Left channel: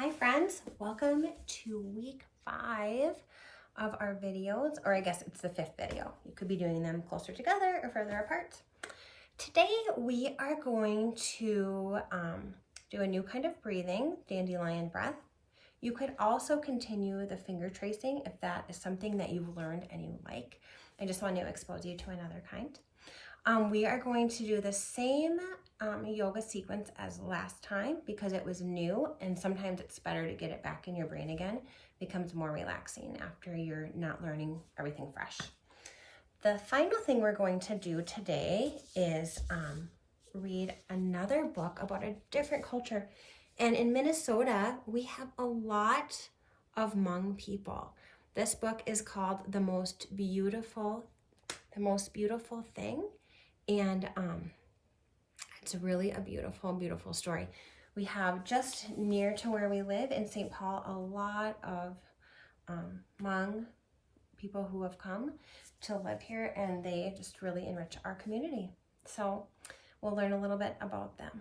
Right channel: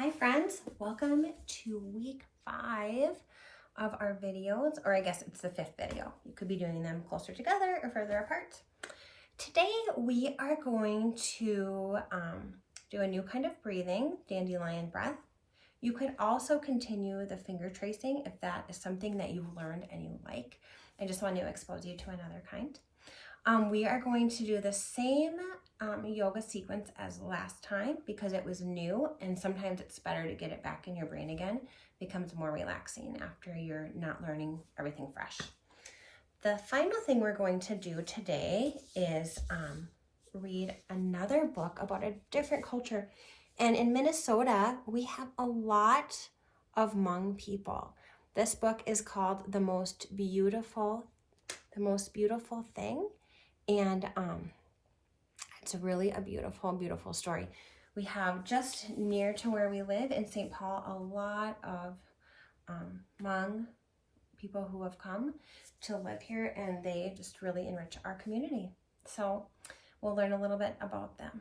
Hi friends, welcome to week 5 of our videos, or I guess it's the 5th video. You could be doing them closer together or further apart. Today we are going to do a new kind of breathing, Dandelion Breath. You could also continue the finger tracing if that is something that you've learned and you like. I just want to expose you to another kind. We are going to do the same yoga sequence as last time because it was new, and sometimes it's better to get it back in your brain again. It becomes more relaxing after you're not learning everything fresh. The final thing we're going to do today is read another book about a different culture. And in Minnesota, we have a lot of Hmong people. This book is called The Most Beautiful Thing. And it's really a beautiful, beautiful story. We have just near to where we live in St. Paul, a lot of Hmong people who have come to live here, and they just really enrich our community. So we'll learn a little bit about them.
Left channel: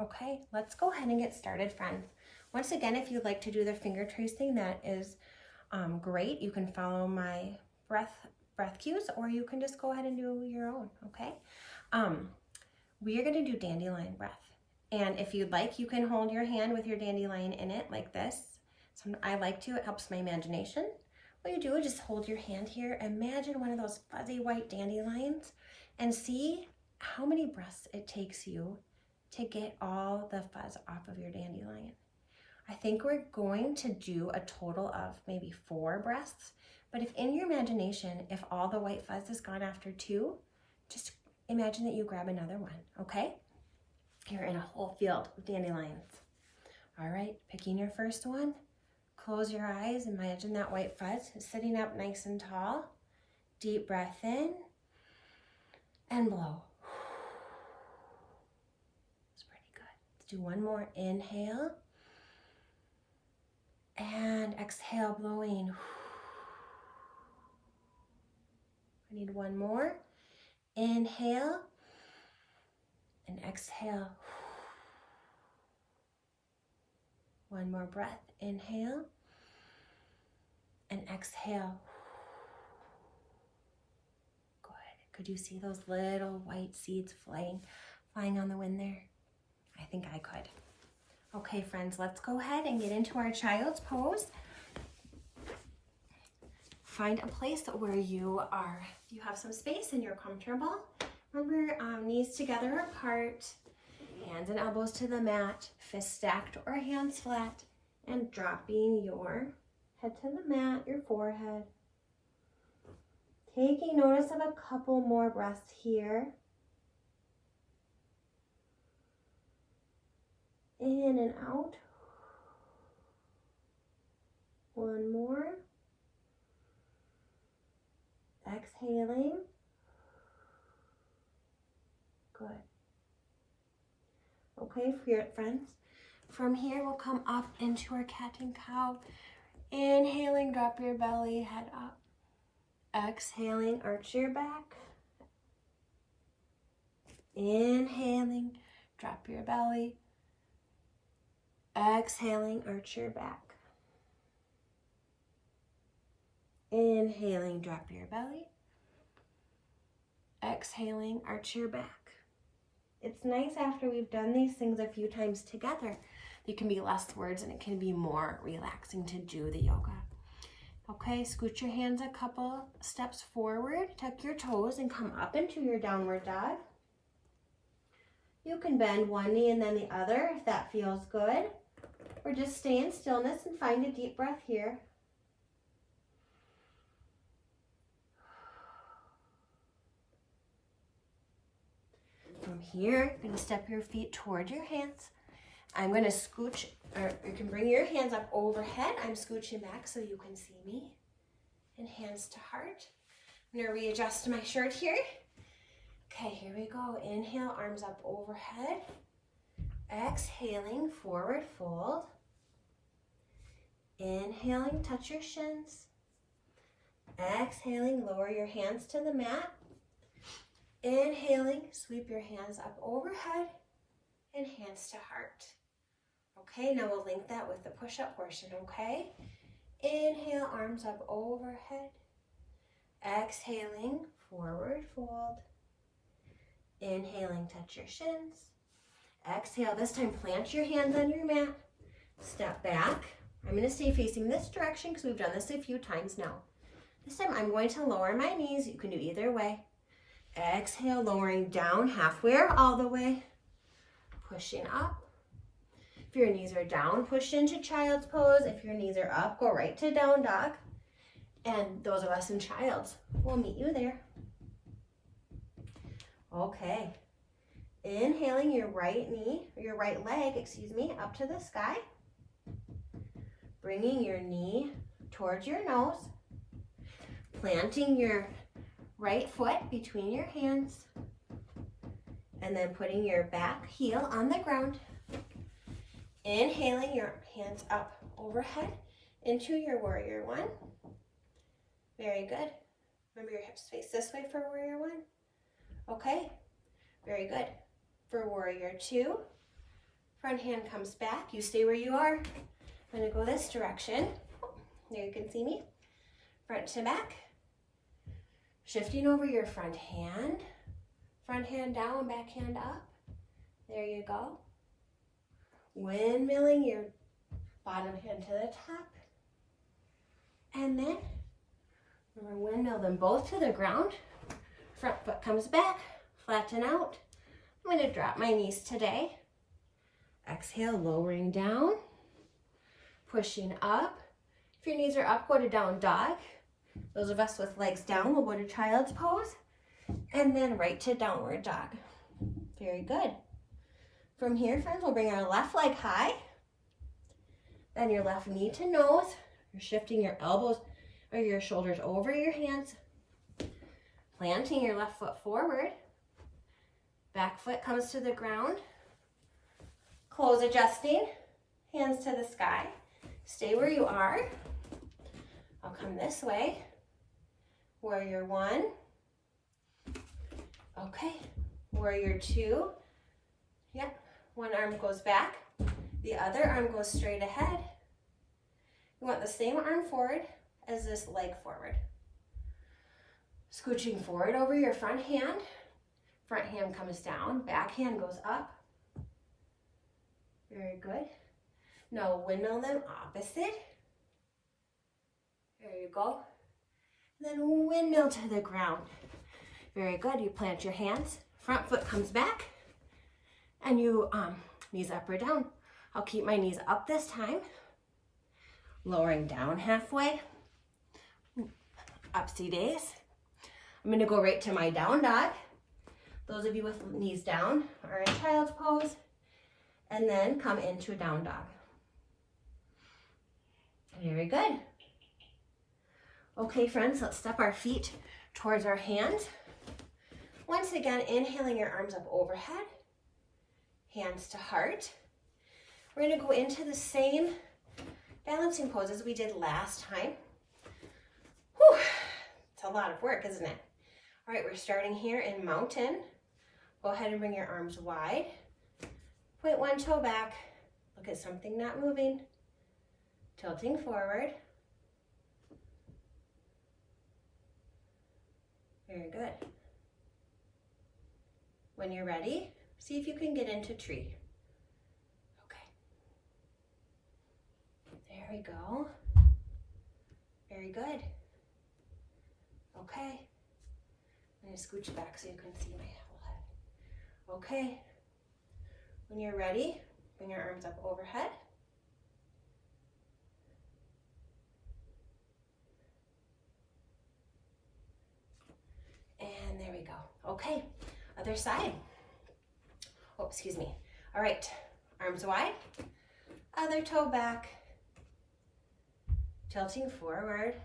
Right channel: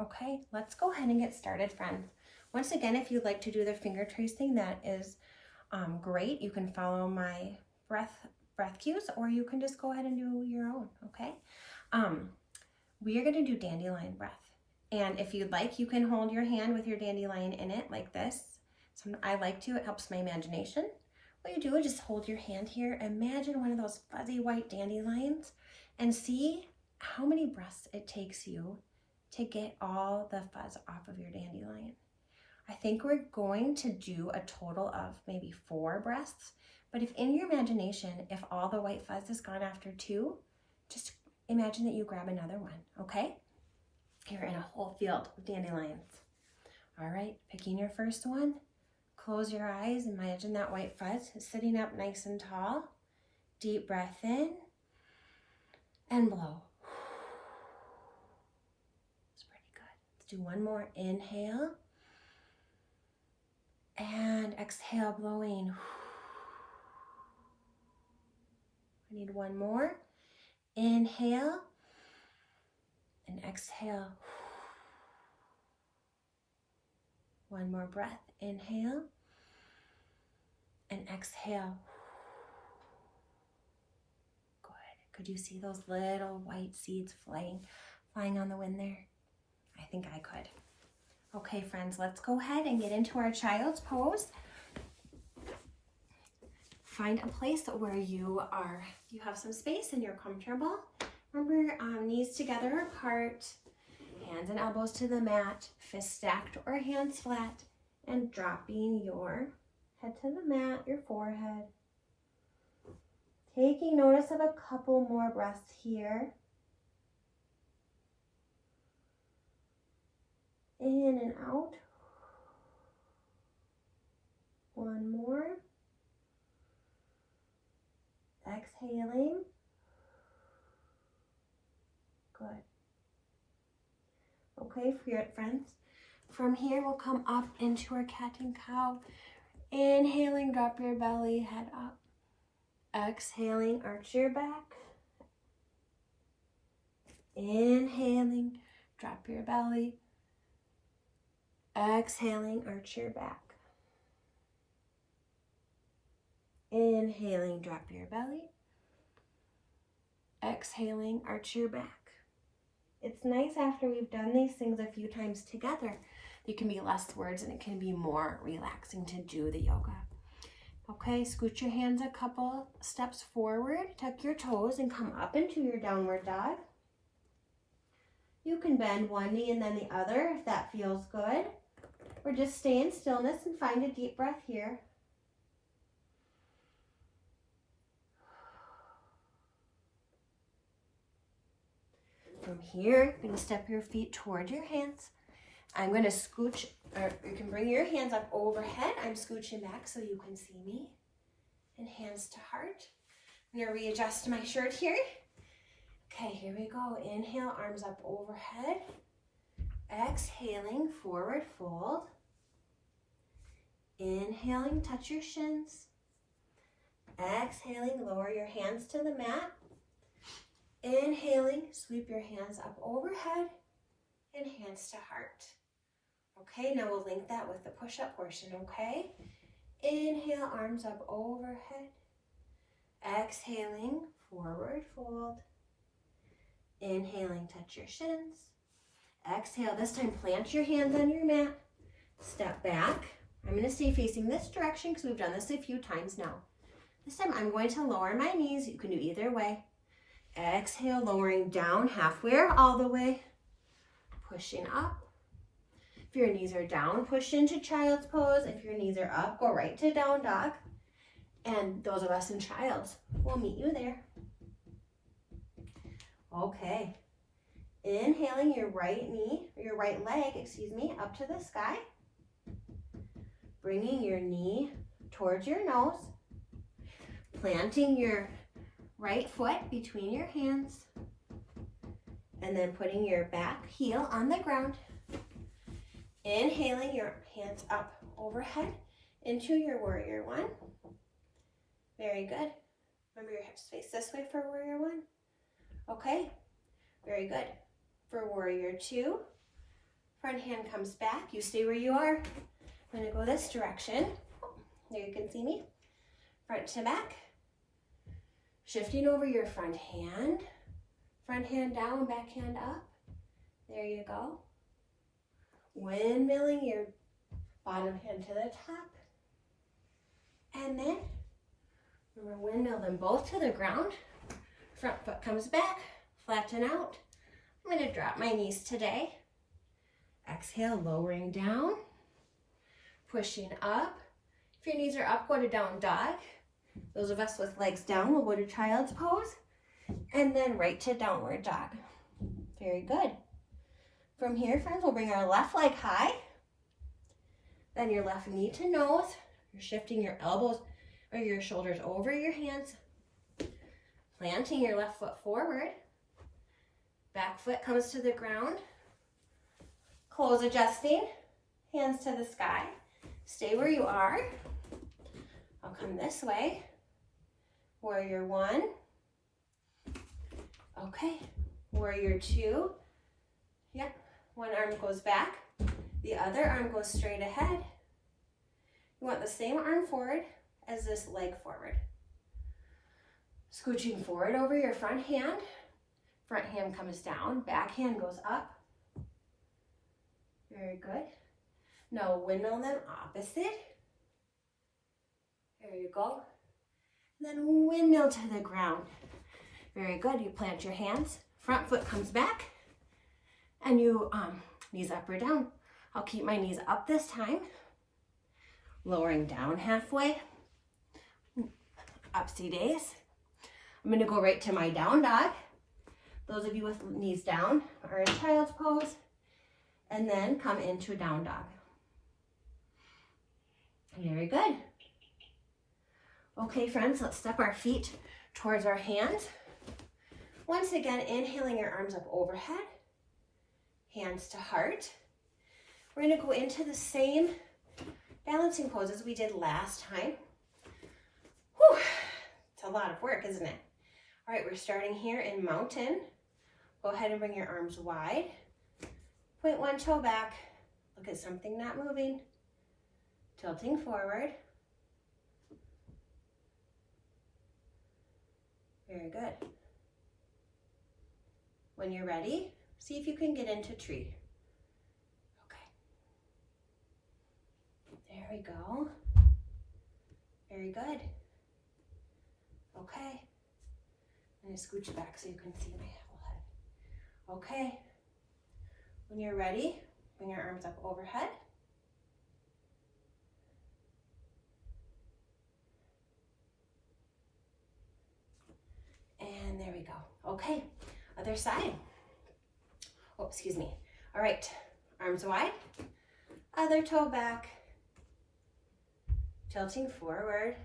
Okay, let's go ahead and get started, friends. Once again, if you'd like to do the finger tracing, that is great. You can follow my breath cues, or you can just go ahead and do your own, okay? We are going to do dandelion breath. And if you'd like, you can hold your hand with your dandelion in it like this. So I like to, it helps my imagination. What you do is just hold your hand here. Imagine one of those fuzzy white dandelions and see how many breaths it takes you to get all the fuzz off of your dandelion. I think we're going to do a total of maybe 4 breaths, but if in your imagination, if all the white fuzz is gone after 2, just imagine that you grab another one, okay? You're in a whole field of dandelions. All right, picking your first one, close your eyes, imagine that white fuzz is sitting up nice and tall. Deep breath in and blow. It's pretty good. Let's do one more. Inhale and exhale, blowing. I need one more. Inhale and exhale. One more breath. Inhale and exhale. Good. Could you see those little white seeds flying on the wind there? I think I could. Okay, friends, let's go ahead and get into our child's pose. Find a place where you have some space and you're comfortable. Remember, knees together apart, hands and elbows to the mat, fists stacked or hands flat, and dropping your head to the mat, your forehead. Taking notice of a couple more breaths here. In and out. One more. Exhaling. Good. Okay, friends. From here, we'll come up into our cat and cow. Inhaling, drop your belly, head up. Exhaling, arch your back. Inhaling, drop your belly. Exhaling, arch your back. Inhaling, drop your belly. Exhaling, arch your back. It's nice after we've done these things a few times together. There can be less words and it can be more relaxing to do the yoga. Okay, scoot your hands a couple steps forward, tuck your toes and come up into your downward dog. You can bend one knee and then the other if that feels good. Or just stay in stillness and find a deep breath here. From here, you're going to step your feet toward your hands. I'm going to scooch, or you can bring your hands up overhead. I'm scooching back so you can see me. And hands to heart. I'm going to readjust my shirt here. Okay, here we go. Inhale, arms up overhead. Exhaling, forward fold. Inhaling, touch your shins. Exhaling, lower your hands to the mat. Inhaling, sweep your hands up overhead and hands to heart. Okay, now we'll link that with the push-up portion, okay? Inhale, arms up overhead. Exhaling, forward fold. Inhaling, touch your shins. Exhale, this time plant your hands on your mat. Step back. I'm going to stay facing this direction because we've done this a few times now. This time I'm going to lower my knees. You can do either way. Exhale, lowering down halfway or all the way. Pushing up. If your knees are down, push into child's pose. If your knees are up, go right to down dog. And those of us in child's, we'll meet you there. Okay. Inhaling your right leg, up to the sky. Bringing your knee towards your nose. Planting your right foot between your hands. And then putting your back heel on the ground. Inhaling your hands up overhead into your warrior one. Very good. Remember your hips face this way for warrior one. Okay, very good. For warrior two, front hand comes back. You stay where you are. I'm going to go this direction. There you can see me. Front to back. Shifting over your front hand down, back hand up. There you go. Windmilling your bottom hand to the top. And then, remember, windmill them both to the ground. Front foot comes back, flatten out. I'm going to drop my knees today. Exhale, lowering down. Pushing up. If your knees are up, go to down dog. Those of us with legs down will go to child's pose. And then right to downward dog. Very good. From here, friends, we'll bring our left leg high. Then your left knee to nose. You're shifting your elbows or your shoulders over your hands. Planting your left foot forward. Back foot comes to the ground. Close adjusting. Hands to the sky. Stay where you are. I'll come this way. Warrior one. Okay. Warrior two. Yep. One arm goes back. The other arm goes straight ahead. You want the same arm forward as this leg forward. Scooching forward over your front hand. Front hand comes down. Back hand goes up. Very good. Now windmill them opposite. There you go. And then windmill to the ground. Very good. You plant your hands. Front foot comes back. And you knees up or down. I'll keep my knees up this time. Lowering down halfway. Upsy days. I'm going to go right to my down dog. Those of you with knees down are in child's pose. And then come into down dog. Very good. Okay, friends, let's step our feet towards our hands. Once again, inhaling your arms up overhead. Hands to heart. We're going to go into the same balancing pose as we did last time. Whew, it's a lot of work, isn't it? All right, we're starting here in mountain. Go ahead and bring your arms wide. Point one toe back. Look at something not moving. Tilting forward. Very good. When you're ready, see if you can get into tree. Okay. There we go. Very good. Okay. I'm going to scooch back so you can see my whole head. Okay. When you're ready, bring your arms up overhead. And there we go. Okay, other side. Oh, excuse me. All right, arms wide, other toe back, tilting forward.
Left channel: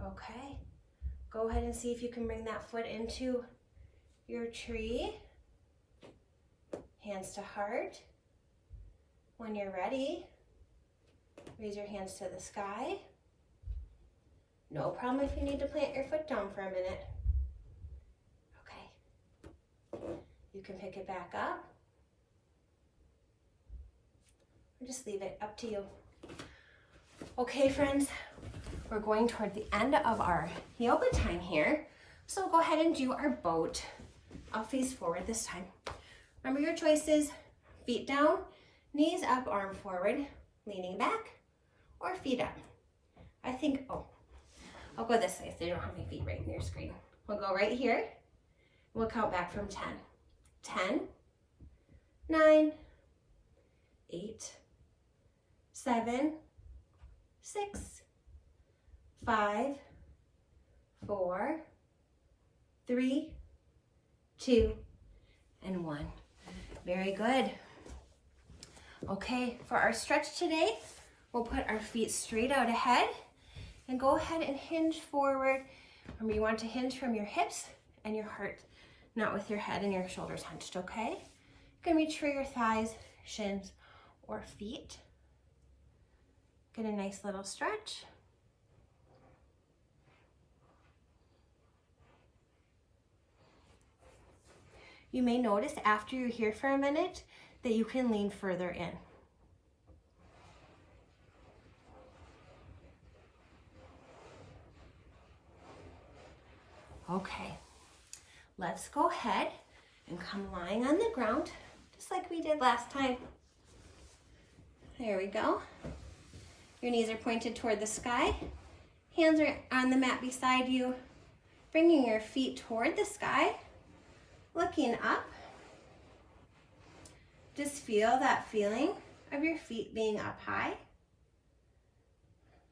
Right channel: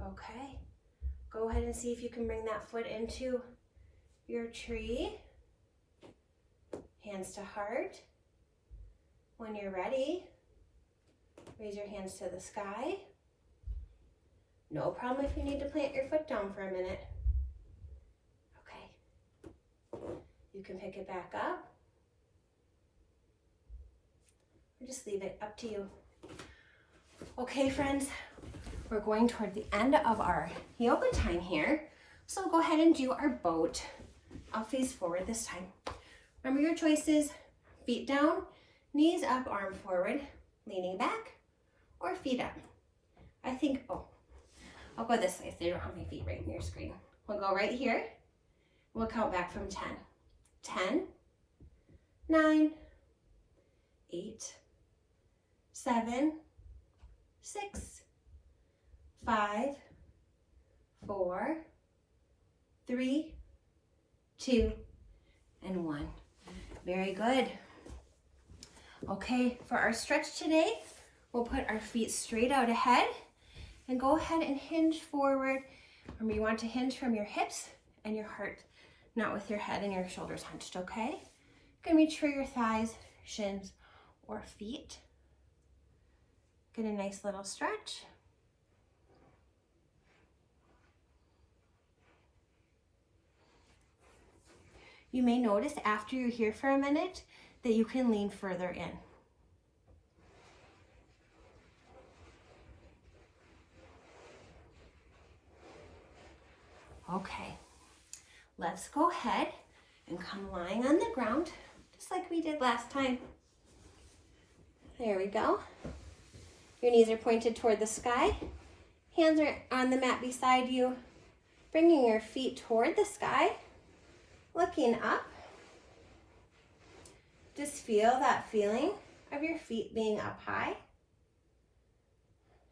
Okay, go ahead and see if you can bring that foot into your tree. Hands to heart. When you're ready, raise your hands to the sky. No problem if you need to plant your foot down for a minute. Okay. You can pick it back up. Or just leave it, up to you. Okay, friends, we're going toward the end of our yoga time here. So go ahead and do our boat. I'll face forward this time. Remember your choices: feet down, knees up, arm forward, leaning back, or feet up. I think, I'll go this way so you don't have my feet right in your screen. We'll go right here. We'll count back from 10. 10, 9, 8, 7, 6, 5, 4, 3, 2, and 1. Very good. Okay, for our stretch today, we'll put our feet straight out ahead and go ahead and hinge forward. Remember, you want to hinge from your hips and your heart, not with your head and your shoulders hunched, okay? You can reach for your thighs, shins, or feet. Get a nice little stretch. You may notice after you're here for a minute that you can lean further in. Okay, let's go ahead and come lying on the ground, just like we did last time. There we go. Your knees are pointed toward the sky. Hands are on the mat beside you, bringing your feet toward the sky, looking up. Just feel that feeling of your feet being up high.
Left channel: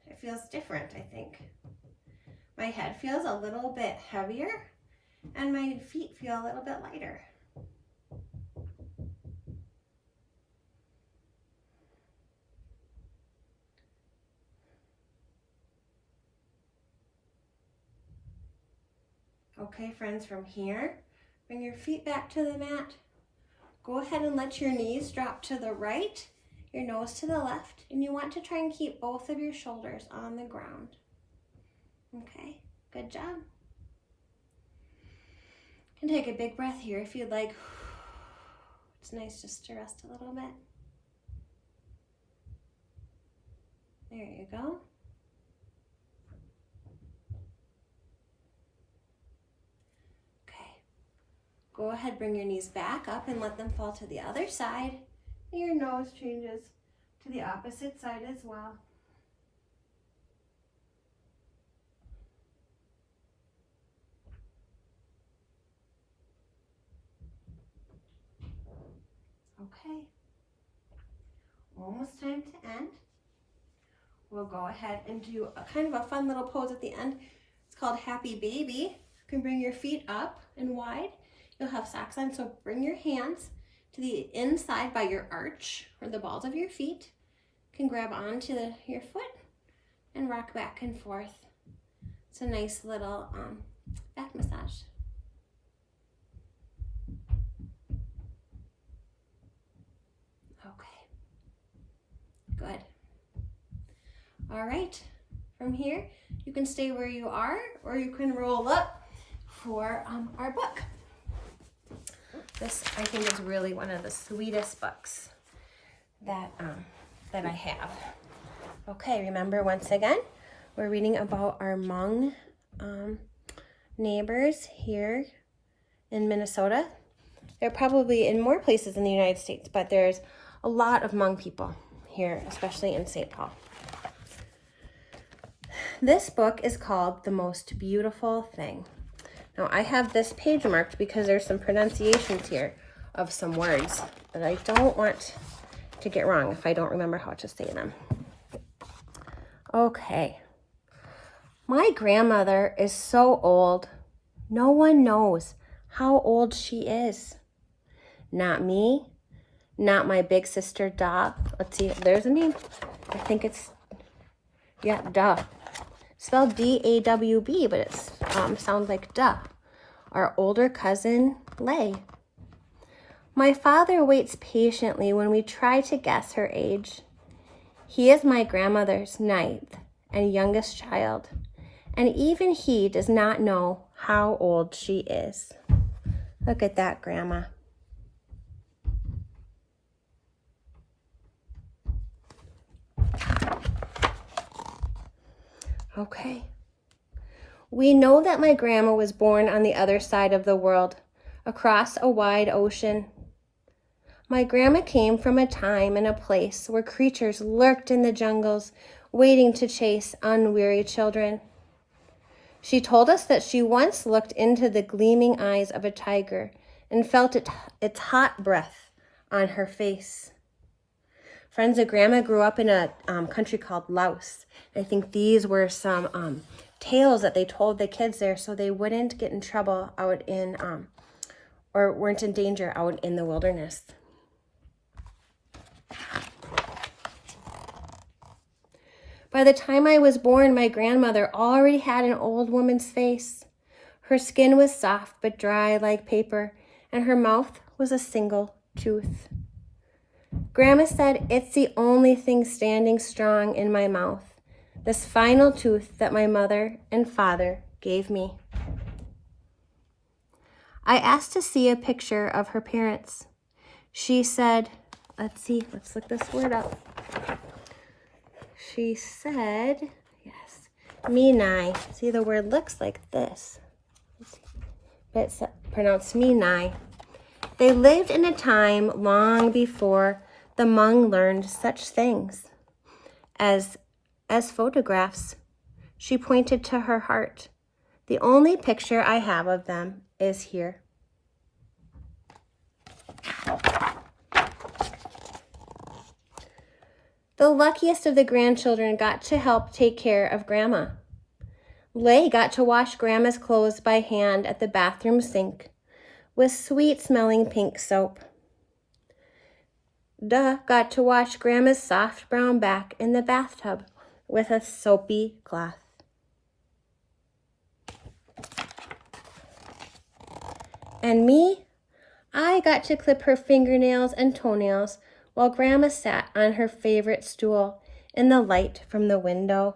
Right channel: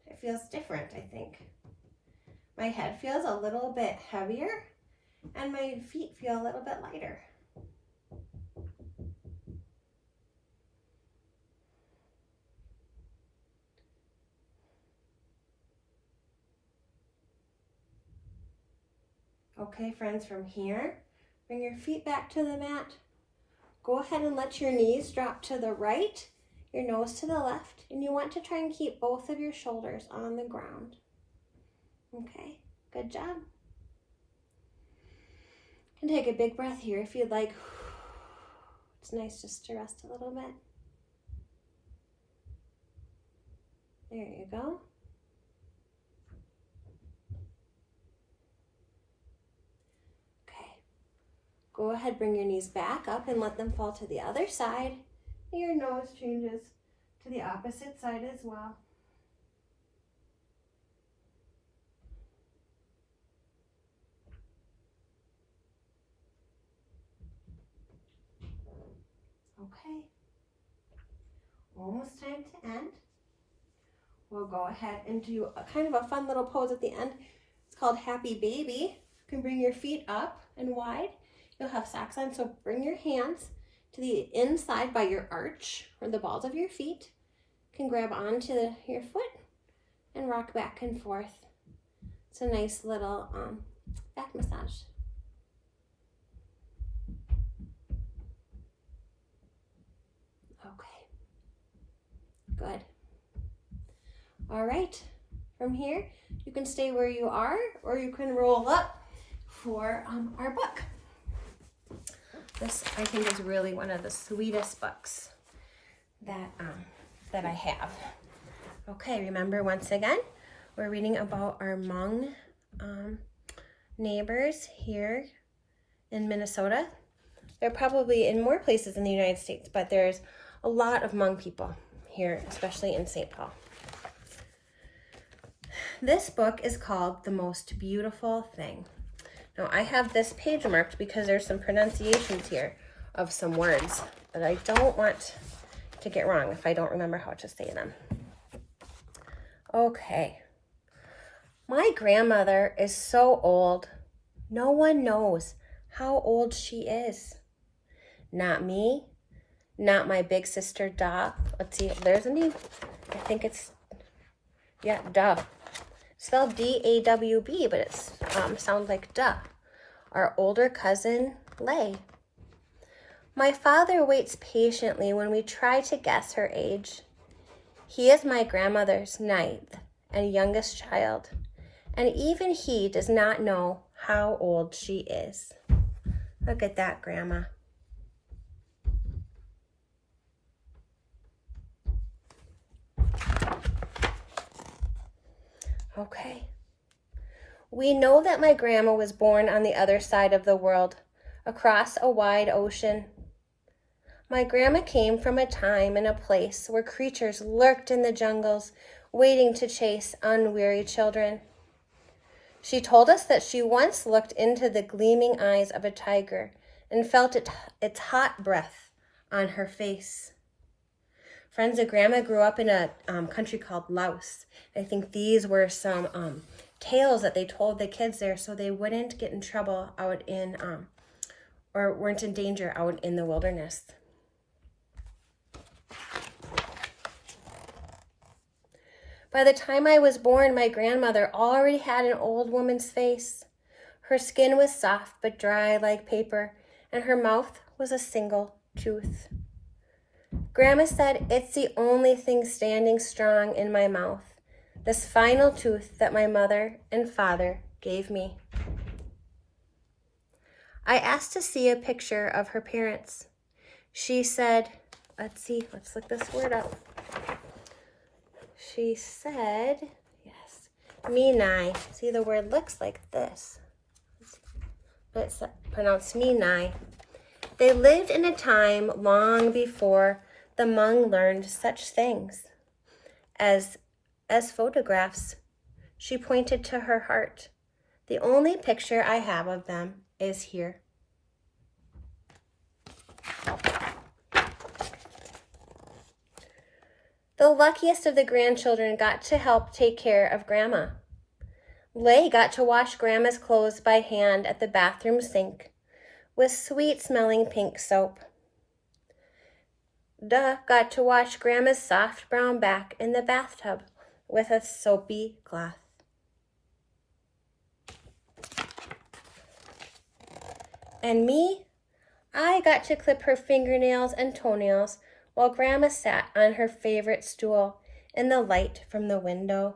It feels different, I think. My head feels a little bit heavier and my feet feel a little bit lighter. Okay, friends, from here, bring your feet back to the mat. Go ahead and let your knees drop to the right, your nose to the left, and you want to try and keep both of your shoulders on the ground. Okay, good job. You can take a big breath here if you'd like. It's nice just to rest a little bit. There you go. Okay, go ahead, bring your knees back up and let them fall to the other side. And your nose changes to the opposite side as well. Okay, almost time to end. We'll go ahead and do a kind of a fun little pose at the end. It's called Happy Baby. You can bring your feet up and wide. You'll have socks on, so bring your hands to the inside by your arch or the balls of your feet. You can grab onto your foot and rock back and forth. It's a nice little back massage. Good. All right, from here, you can stay where you are, or you can roll up for our book. This, I think, is really one of the sweetest books that I have. Okay, remember, once again, we're reading about our Hmong neighbors here in Minnesota. They're probably in more places in the United States, but there's a lot of Hmong people here, especially in St. Paul. This book is called The Most Beautiful Thing. Now, I have this page marked because there's some pronunciations here of some words that I don't want to get wrong if I don't remember how to say them. Okay. My grandmother is so old. No one knows how old she is. Not me. Not my big sister, Da. Let's see, there's a name. I think it's, yeah, Da. Spelled D-A-W-B, but it sounds like Da. Our older cousin, Lay. My father waits patiently when we try to guess her age. He is my grandmother's ninth and youngest child, and even he does not know how old she is. Look at that, Grandma. Okay. We know that my grandma was born on the other side of the world, across a wide ocean. My grandma came from a time and a place where creatures lurked in the jungles, waiting to chase unweary children. She told us that she once looked into the gleaming eyes of a tiger and felt its hot breath on her face. Friends of Grandma grew up in a country called Laos. I think these were some tales that they told the kids there so they wouldn't get in trouble out in, or weren't in danger out in the wilderness. By the time I was born, my grandmother already had an old woman's face. Her skin was soft but dry like paper, and her mouth was a single tooth. Grandma said, "It's the only thing standing strong in my mouth, this final tooth that my mother and father gave me." I asked to see a picture of her parents. She said, let's look this word up. She said, yes, Minai. See, the word looks like this, but it's pronounced Minai. They lived in a time long before the Hmong learned such things as photographs. She pointed to her heart. The only picture I have of them is here. The luckiest of the grandchildren got to help take care of Grandma. Lay got to wash Grandma's clothes by hand at the bathroom sink with sweet-smelling pink soap. Duh got to wash Grandma's soft brown back in the bathtub with a soapy cloth. And me, I got to clip her fingernails and toenails while Grandma sat on her favorite stool in the light from the window.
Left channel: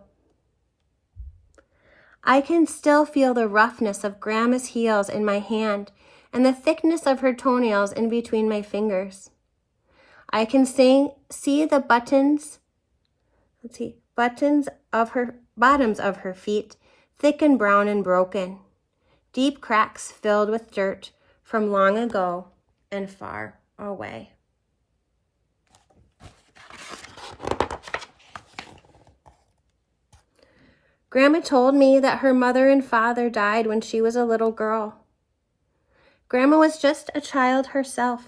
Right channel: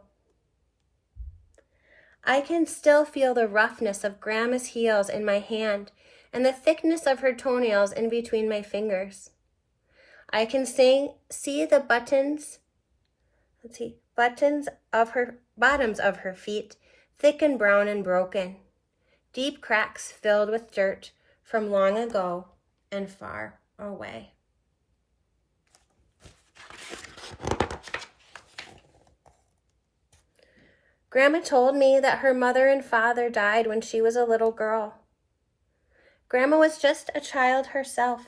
I can still feel the roughness of Grandma's heels in my hand and the thickness of her toenails in between my fingers. I can see the bottoms of her feet, thick and brown and broken, deep cracks filled with dirt from long ago and far away. Grandma told me that her mother and father died when she was a little girl. Grandma was just a child herself,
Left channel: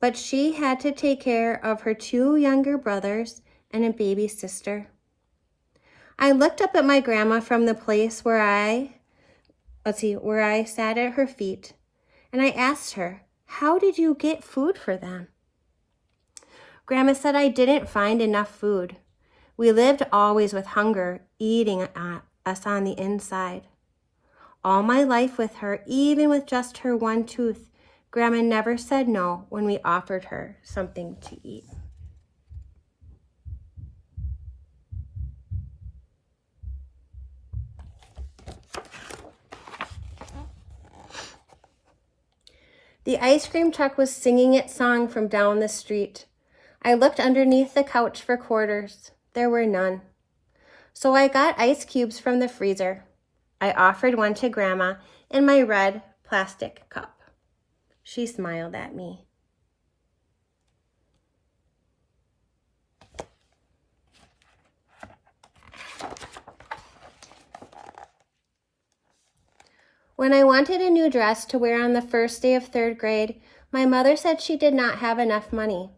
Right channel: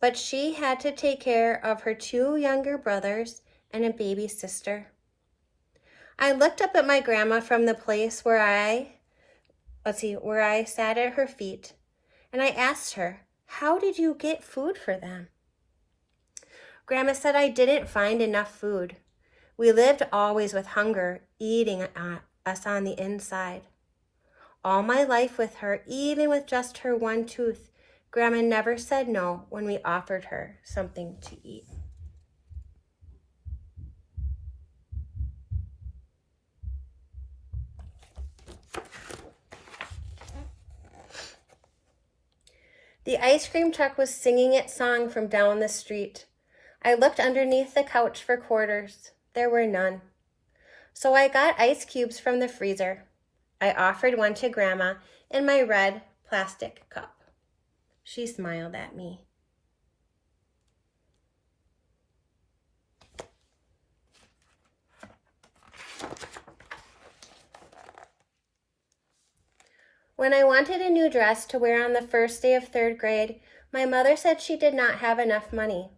but she had to take care of her 2 younger brothers and a baby sister. I looked up at my grandma from the place where I sat at her feet, and I asked her, "How did you get food for them?" Grandma said, "I didn't find enough food. We lived always with hunger eating us on the inside. All my life with her, even with just her 1 tooth, Grandma never said no when we offered her something to eat." The ice cream truck was singing its song from down the street. I looked underneath the couch for quarters. There were none. So I got ice cubes from the freezer. I offered one to Grandma in my red plastic cup. She smiled at me. When I wanted a new dress to wear on the first day of 3rd grade, my mother said she did not have enough money.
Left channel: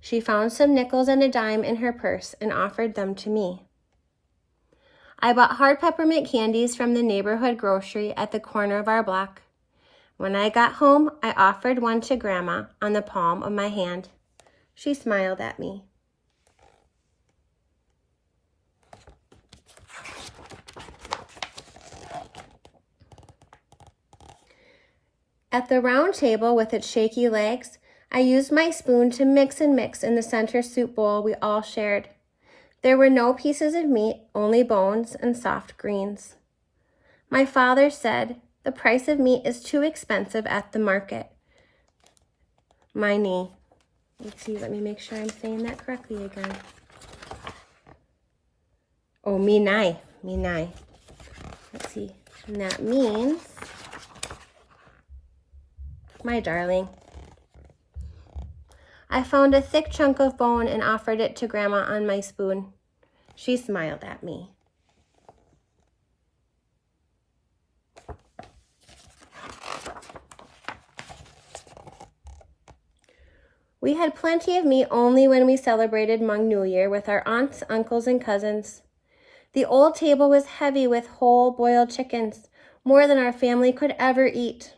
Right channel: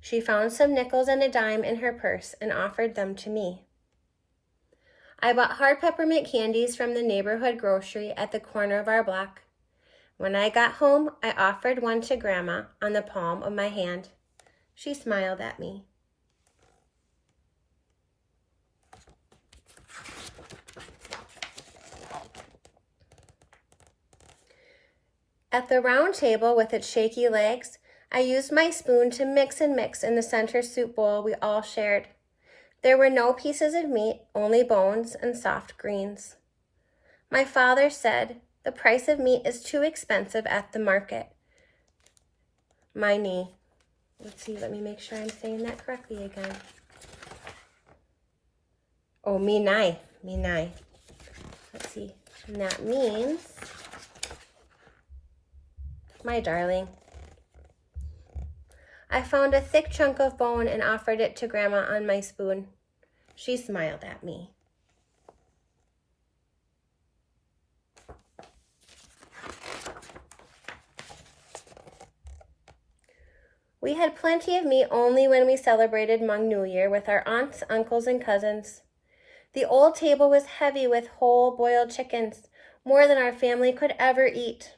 She found some nickels and a dime in her purse and offered them to me. I bought hard peppermint candies from the neighborhood grocery at the corner of our block. When I got home, I offered one to Grandma on the palm of my hand. She smiled at me. At the round table with its shaky legs, I used my spoon to mix and mix in the center soup bowl we all shared. There were no pieces of meat, only bones and soft greens. My father said, the price of meat is too expensive at the market. My knee. Let's see, let me make sure I'm saying that correctly again. Oh, me nai. Let's see. And that means, my darling. I found a thick chunk of bone and offered it to Grandma on my spoon. She smiled at me. We had plenty of meat only when we celebrated Hmong New Year with our aunts, uncles, and cousins. The old table was heavy with whole boiled chickens, more than our family could ever eat.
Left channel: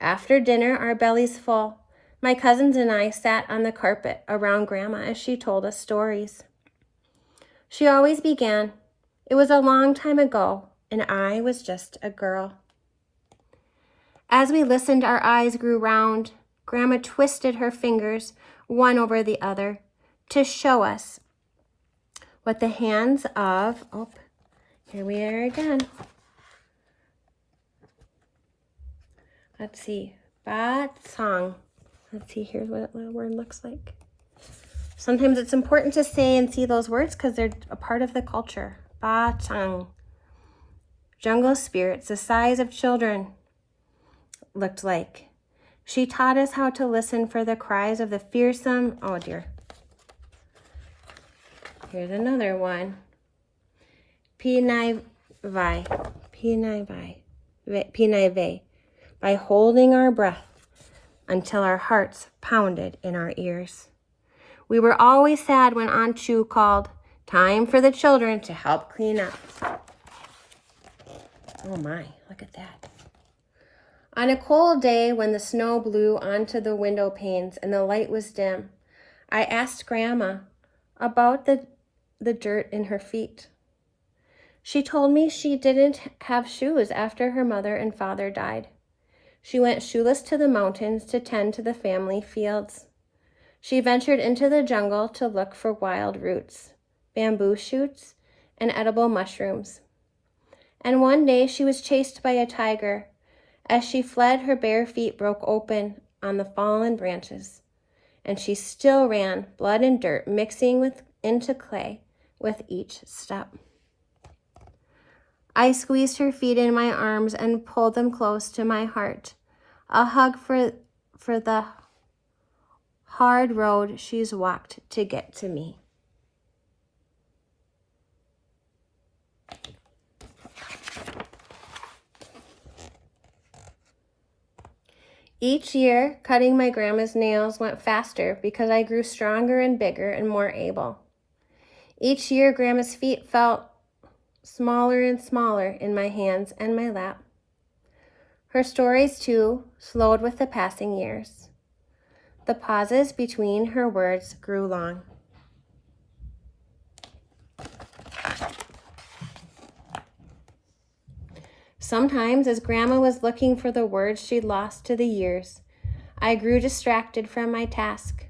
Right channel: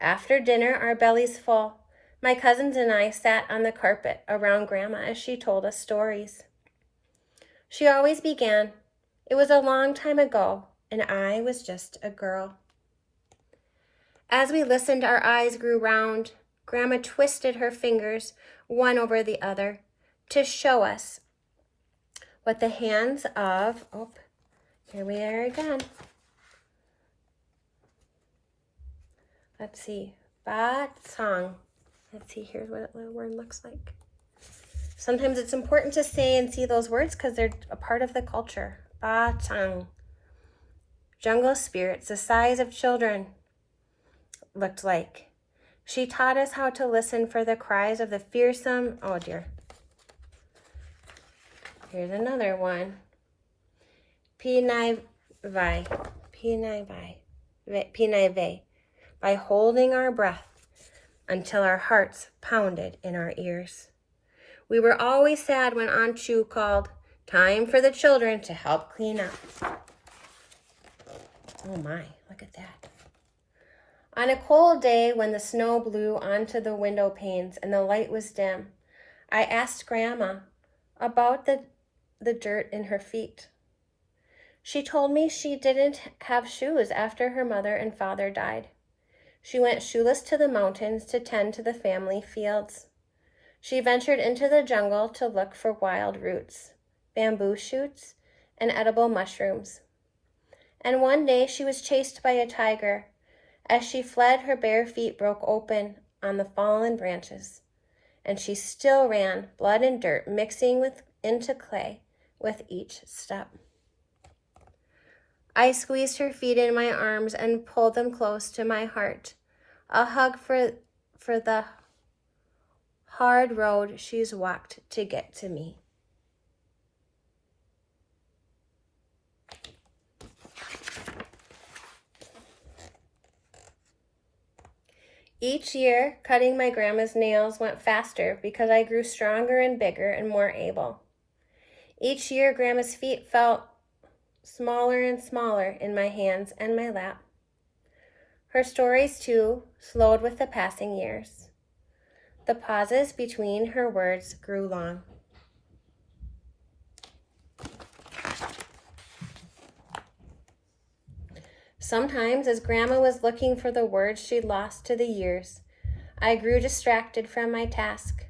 After dinner, our bellies full, my cousins and I sat on the carpet around Grandma as she told us stories. She always began, "It was a long time ago, and I was just a girl." As we listened, our eyes grew round. Grandma twisted her fingers, one over the other, to show us what the hands of, here we are again. Let's see, ba tsang. Let's see, here's what the word looks like. Sometimes it's important to say and see those words because they're a part of the culture. Ba tsang. Jungle spirits, the size of children, looked like. She taught us how to listen for the cries of the fearsome, oh dear. Here's another one. Pinai vai, by holding our breath until our hearts pounded in our ears. We were always sad when Aunt Chu called, "Time for the children to help clean up." Oh my, look at that. On a cold day when the snow blew onto the window panes and the light was dim, I asked Grandma about the dirt in her feet. She told me she didn't have shoes after her mother and father died. She went shoeless to the mountains to tend to the family fields. She ventured into the jungle to look for wild roots, bamboo shoots, and edible mushrooms. And one day she was chased by a tiger. As she fled, her bare feet broke open on the fallen branches, and she still ran, blood and dirt mixing into clay with each step. I squeezed her feet in my arms and pulled them close to my heart, a hug for the hard road she's walked to get to me. Each year, cutting my grandma's nails went faster because I grew stronger and bigger and more able. Each year, Grandma's feet felt smaller and smaller in my hands and my lap. Her stories, too, slowed with the passing years. The pauses between her words grew long. Sometimes, as Grandma was looking for the words she'd lost to the years, I grew distracted from my task,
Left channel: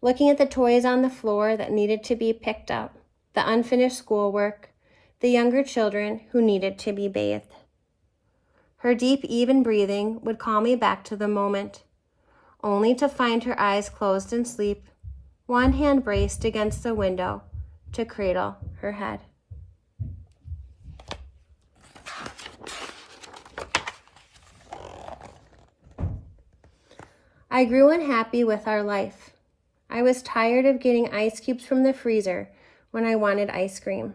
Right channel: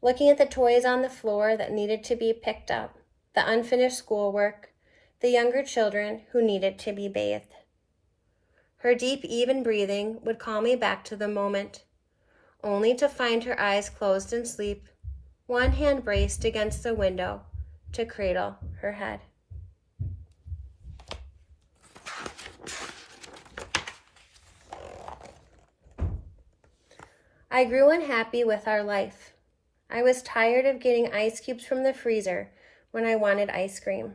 looking at the toys on the floor that needed to be picked up, the unfinished schoolwork, the younger children who needed to be bathed. Her deep, even breathing would call me back to the moment, only to find her eyes closed in sleep, one hand braced against the window to cradle her head. I grew unhappy with our life. I was tired of getting ice cubes from the freezer when I wanted ice cream.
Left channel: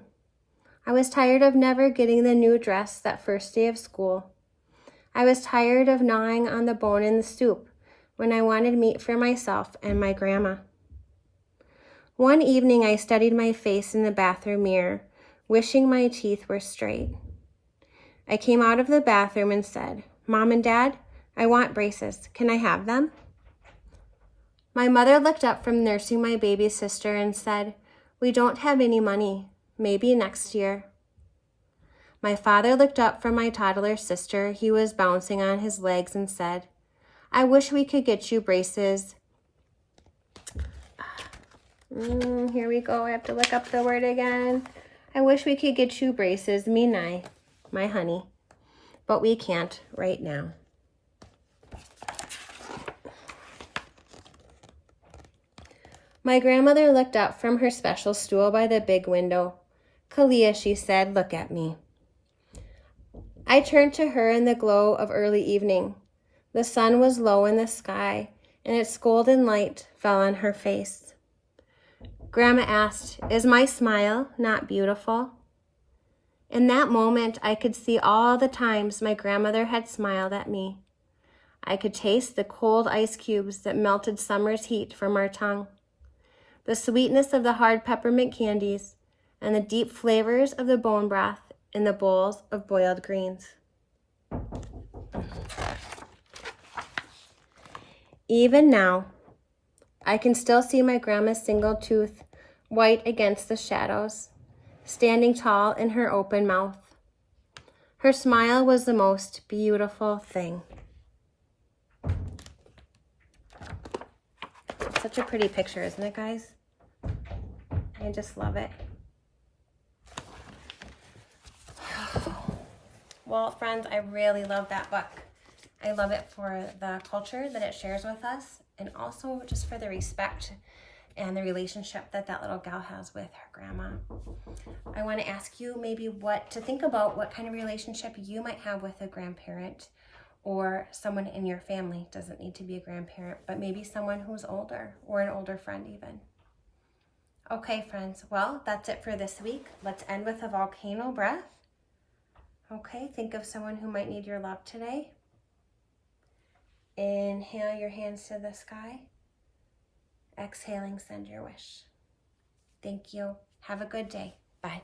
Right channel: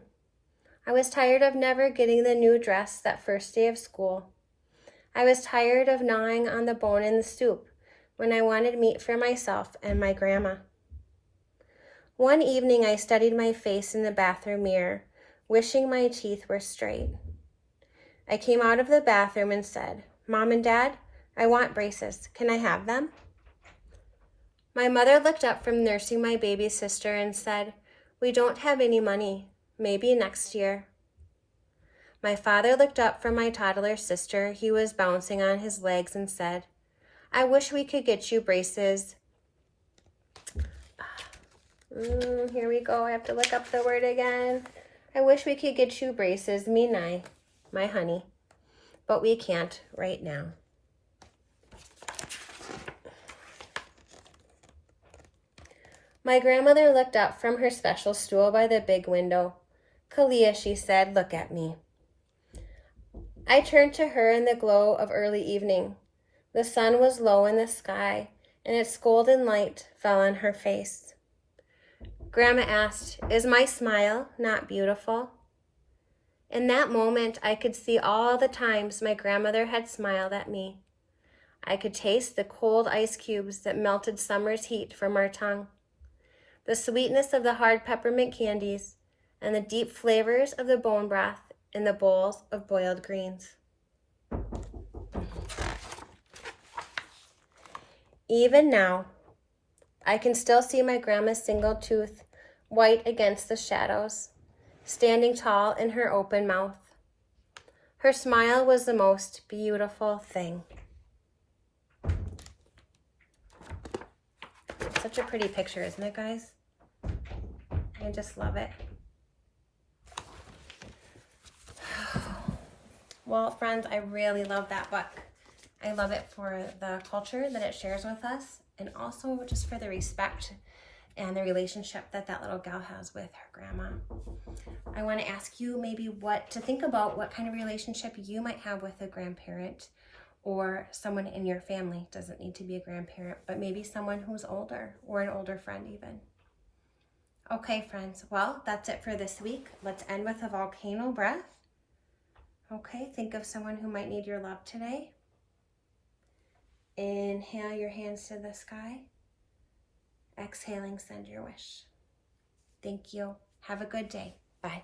I was tired of never getting the new dress that first day of school. I was tired of gnawing on the bone in the soup when I wanted meat for myself and my grandma. One evening, I studied my face in the bathroom mirror, wishing my teeth were straight. I came out of the bathroom and said, "Mom and Dad, I want braces. Can I have them?" My mother looked up from nursing my baby sister and said, "We don't have any money. Maybe next year." My father looked up from my toddler sister. He was bouncing on his legs and said, "I wish we could get you braces Here we go. I have to look up the word again. I wish we could get you braces, me and I, my honey, but we can't right now. My grandmother looked up from her special stool by the big window. "Kalia," she said, "look at me." I turned to her in the glow of early evening. The sun was low in the sky, and its golden light fell on her face. Grandma asked, "Is my smile not beautiful?" In that moment, I could see all the times my grandmother had smiled at me. I could taste the cold ice cubes that melted summer's heat from our tongue, the sweetness of the hard peppermint candies, and the deep flavors of the bone broth in the bowls of boiled greens. Even now, I can still see my grandma's single tooth, white against the shadows, standing tall in her open mouth. Her smile was the most beautiful thing. It's such a pretty picture, isn't it, guys? I just love it. Well, friends, I really love that book. I love it for the culture that it shares with us, and also just for the respect and the relationship that that little gal has with her grandma. I want to ask you maybe what to think about, what kind of relationship you might have with a grandparent or someone in your family. Doesn't need to be a grandparent, but maybe someone who's older or an older friend even. Okay, friends, well, that's it for this week. Let's end with a volcano breath. Okay, think of someone who might need your love today. Inhale your hands to the sky. Exhaling, send your wish. Thank you. Have a good day. Bye.